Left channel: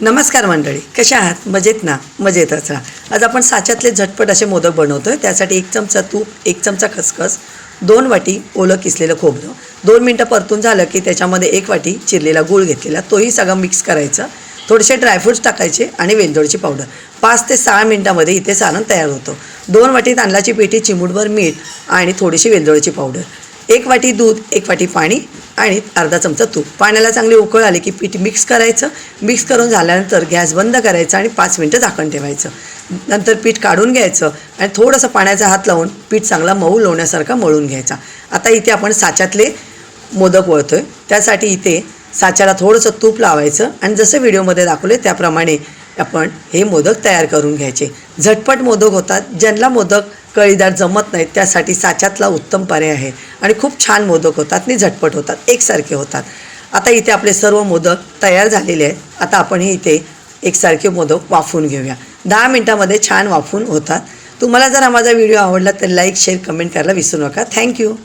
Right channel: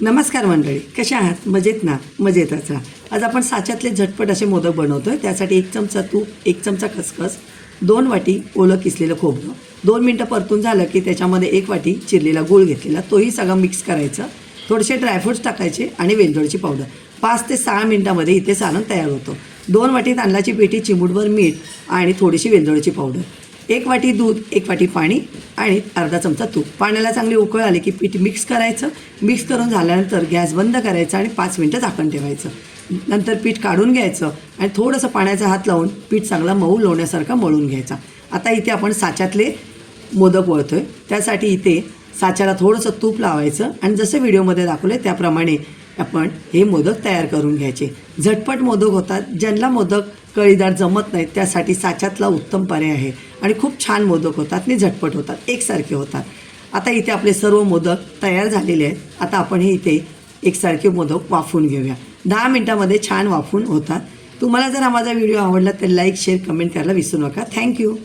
नमस्कार मंडळी कशा आहात? मजेत ना? मजेतच राहा आज आपण साच्यातले झटपट असे मोदक बनवतो आहे त्यासाठी एक चमचा तूप एक चमचा खसखस दोन वाटी ओलं किसलेलं खोबरं दोन मिनटं परतून झालं की त्याच्यामध्ये एक वाटी चिरलेला गूळ घेतलेला तोही सगळं मिक्स करायचं. थोडेसे ड्रायफ्रूट्स टाकायचे आणि वेलदोडची पावडर. पाच ते सहा मिनटामध्ये इथे सारण तयार होतं. दोन वाटी तांदळाची पेटी चिमूटभर मीठ आणि थोडीशी वेलदोडची पावडर. एक वाटी दूध एक वाटी पाणी आणि अर्धा चमचा तूप. पाण्याला चांगली उकळ आली की पीठ मिक्स करायचं. मिक्स करून झाल्यानंतर गॅस बंद करायचा आणि पाच मिनटं झाकण ठेवायचं. नंतर पीठ काढून घ्यायचं आणि थोडंसं पाण्याचा हात लावून पीठ चांगला मऊ लोण्यासारखा मळून घ्यायचा. आता इथे आपण साच्यातले मोदक वळतो आहे त्यासाठी इथे साच्याला थोडंसं तूप लावायचं आणि जसं व्हिडिओमध्ये दाखवले त्याप्रमाणे आपण हे मोदक तयार करून घ्यायचे. झटपट मोदक होतात. ज्यांना मोदक कळीदार जमत नाहीत त्यासाठी साच्यातला उत्तम पर्याय आहे. आणि खूप छान मोदक होतात आणि झटपट होतात. एकसारखे होतात. आता इथे आपले सर्व मोदक तयार झालेले आहेत. आता आपण हे इथे एकसारखे मोदक वाफवून घेऊया. दहा मिनटामध्ये छान वाफून होतात. तुम्हाला जर हा माझा व्हिडिओ आवडला तर लाईक शेअर कमेंट करायला विसरू नका. थँक्यू.